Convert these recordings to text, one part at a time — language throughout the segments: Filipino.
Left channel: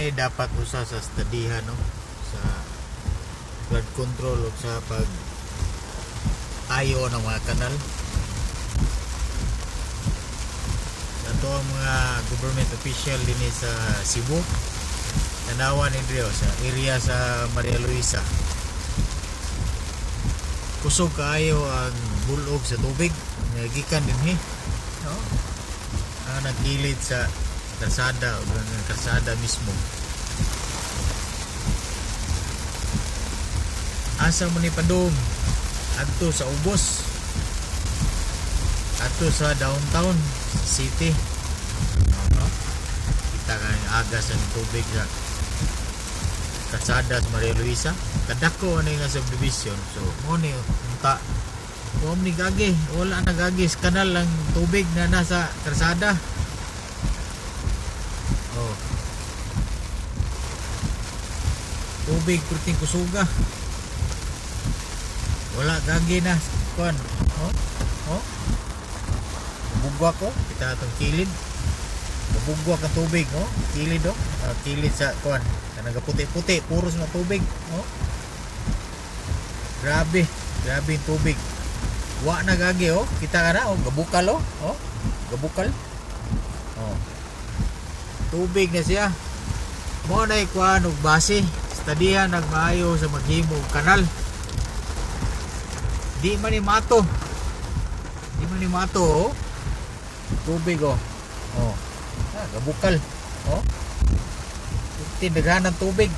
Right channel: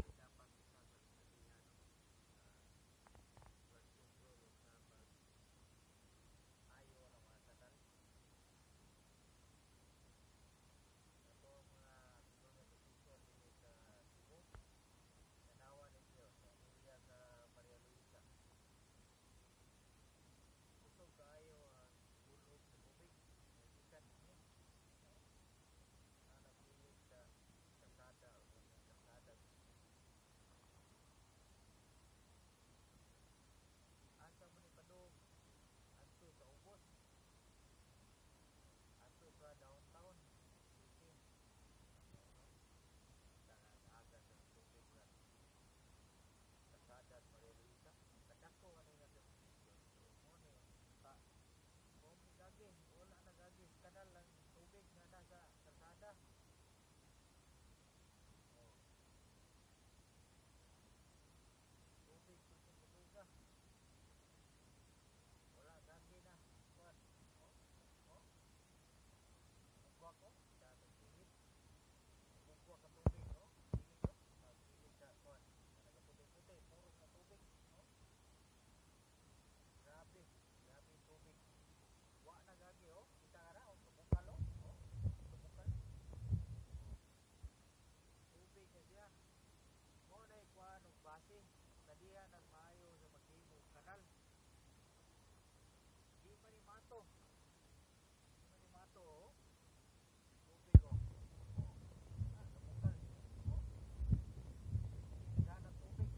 ni dapat usa sa studyhan no sa flood control o sa pag ayo ng mga kanal. Ato ang mga government official din sa Cebu, tanawan ni Drio sa area sa Maria Luisa. Kusog kaayo ang bulog sa tubig nagikan din no? Ang nagilid sa kalsada o ng kalsada mismo. Asa mo ni padung adto sa ubos, adto sa downtown city, no? Kita kang agas ang tubig sa kalsada sa Maria Luisa. Kadako ano yung subdivision, so mo ni unta mo ni gagi, wala nagagis kanal ang tubig na nasa kalsada. Oh, tubig kurting kusuga, wala gagi na kuan. Oh, bugwa ko kita atong kilid, bugwa ka tubig, oh kilid, oh kilid sa kuan kanang puti-puti puros na tubig. Oh, grabe yung tubig, wa na gagi. Oh kita ka na, oh gabukal, oh gabukal, oh tubig na siya. Mo na ikuan og base studyhan nagmaayo sa maghimo og kanal. Di man ni mato, oh tubig, oh gabukal, oh tindagan ng tubig.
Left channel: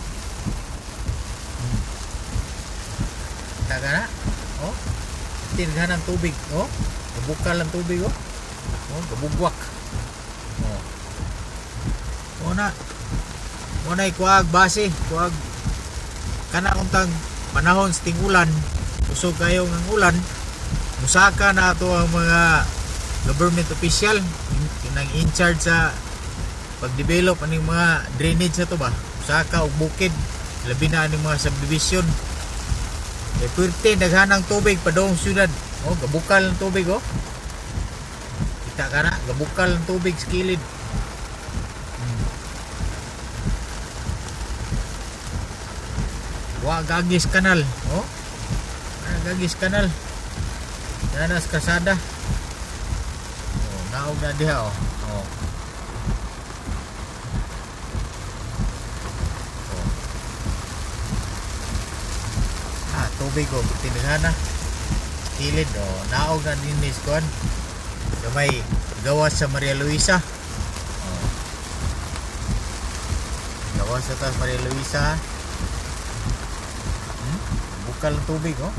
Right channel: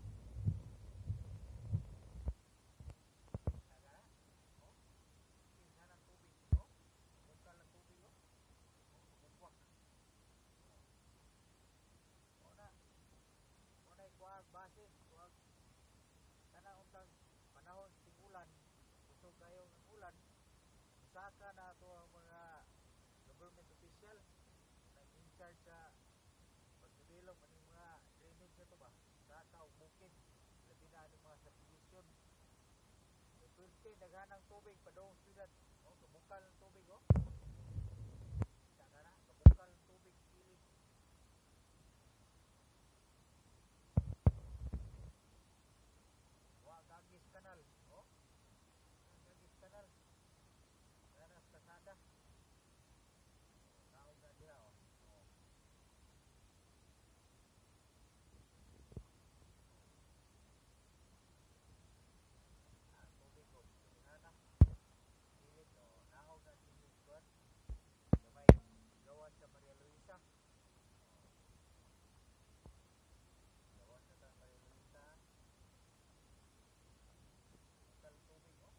Kita ka na, oh tindagan ng tubig, oh gabukal ang tubig, oh gabugwak. Muna ikuag base, kuag kana untang panahon sa ting-ulan, usog kayo ng ulan, musaka na ato ang mga government official nang in charge sa pag-develop aning mga drainage na to ba, musaka og bukid, labi na aning mga subdivision. E puwerte daghanang tubig padong syudad, oh gabukal ang tubig, oh kita ka na, gabukal ang tubig sa kilid. Wa gagis kanal, oh gagis kanal nanas kasada, oh naog na diha, oh tubig, oh tindahan na kilid, oh naog na din is kuan sa may gawas sa Maria Luisa, oh gawas sa taas Maria Luisa. Bukal ng tubig, oh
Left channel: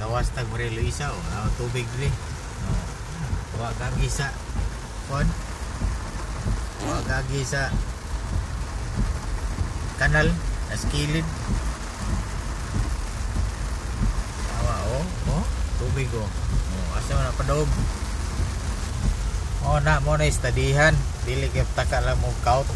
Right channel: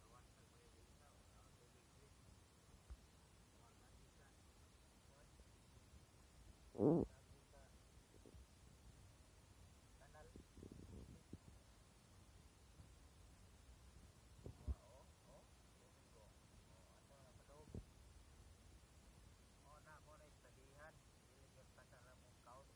gawas tag Maria Luisa, oh tubig din, oh wa gagi sa kon, wa gagi sa kanal as kilid. Tubig, oh asa man padog, mo na studyhan, dili kay taka lang mo kaut.